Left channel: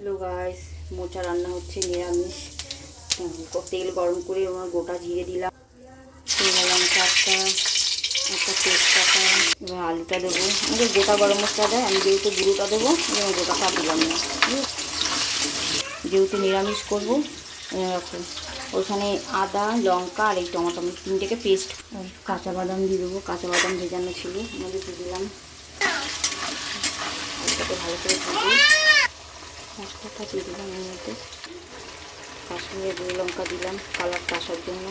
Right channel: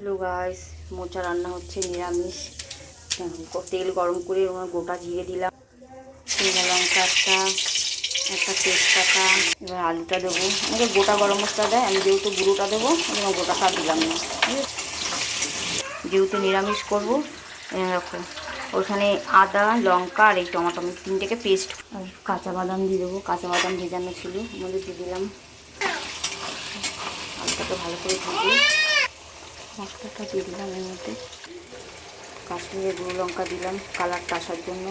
Hello guys, মোচা রান্না হচ্ছে নিরামিষ। তেল গরম করে ওনার গোটা জিরে দিলাম, শুকনো লঙ্কা একটা তেজপাতা। এবার আলুটা দেবো। আমাকে গোটা গরম মশলা দেয়, আমি যেহেতু গুঁড়োটা দেবো এবং গোটাটা দিলাম না, যেহেতু নিরামিষ করবো। রাখো ওখানে আদা লঙ্কা আর এই টমেটো আমি 3 পেস্ট। আর কাঁচা বাদাম দিয়ে দেবো, কাঁচা বাদাম ভেজানো ছিল আমাদের দিয়ে দিলাম। আলুটাকে ভালো করে ভেজে মশলাটা দিয়ে দিলাম। এর মধ্যে কাশ্মীরের গুঁড়ো লঙ্কা দিলাম কালারটা আসার জন্য,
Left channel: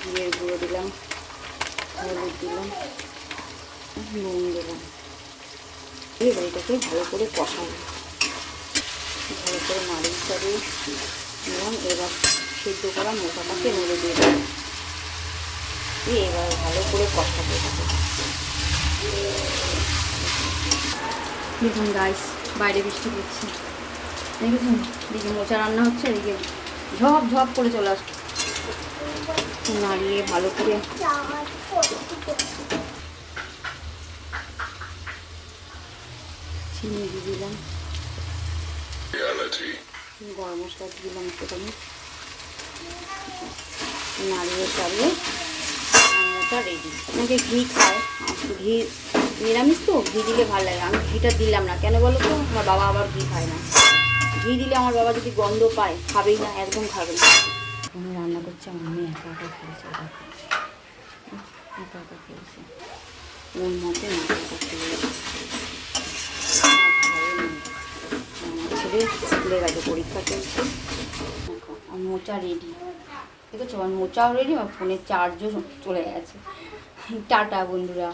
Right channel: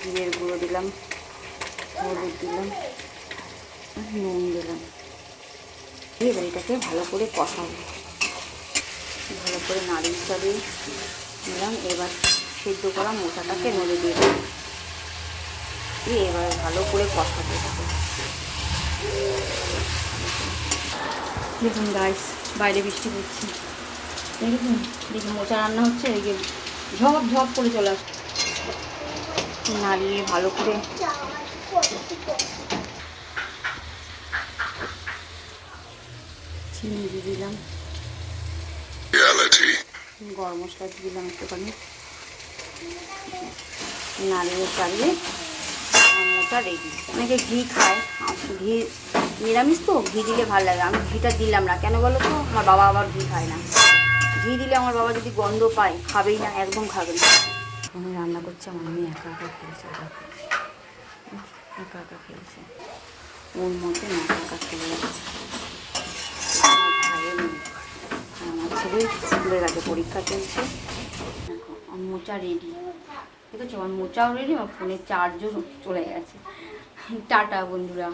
জিরের গুঁড়ো দিলাম, হলুদ দিলাম, নুন দিলাম। এবার এটাকে ভালো করে কষাবো, ভালো করে নাড়িয়ে চাড়িয়ে নিলাম। এবার সেদ্ধ করা মোচাটাকে মধ্যে দিয়ে দিলাম, দিয়ে এবার ভালো করে কষাবো এটাকে। দেখুন গাইস, বাইরে বৃষ্টি পড়ছে, দেখেছেন? দেখি মোচা রান্না হচ্ছে, এদিকে ঝপ ঝপ করে চলে আসছে। নাড়িয়ে ভালো করে চিনি দিয়ে দিলাম, গরম মশলা দিয়ে দিলাম একটুখানি, নাড়িয়ে চাড়িয়ে মোচা রেডি। আমাকে ঘি খায়, ঘি নিরামিষ তো ঘি দিলে ভালো লাগে। আমি ঘিটা দিলাম না, কেন বলো তো? আমার বাবা আবার ঘি খায় না। ঘি দিলে আমার বাবা যদি গন্ধ পায় খাবেই না, একদম খাবে না। এখন রান্না করছে, আমার মেয়ে একা একা খেলছে, একা একা খেলছে ওর মতো, একা একা খেলে যাচ্ছে। আমার ছেলে স্কুলে গেছে, পরীক্ষা চলছে। দেখো আমার মোচা রেডি, ঠিক আছে? আমার মোচাও রেডি, আমার ফোনের চার্জও চলে গেছে। টাটা বন্ধুরা।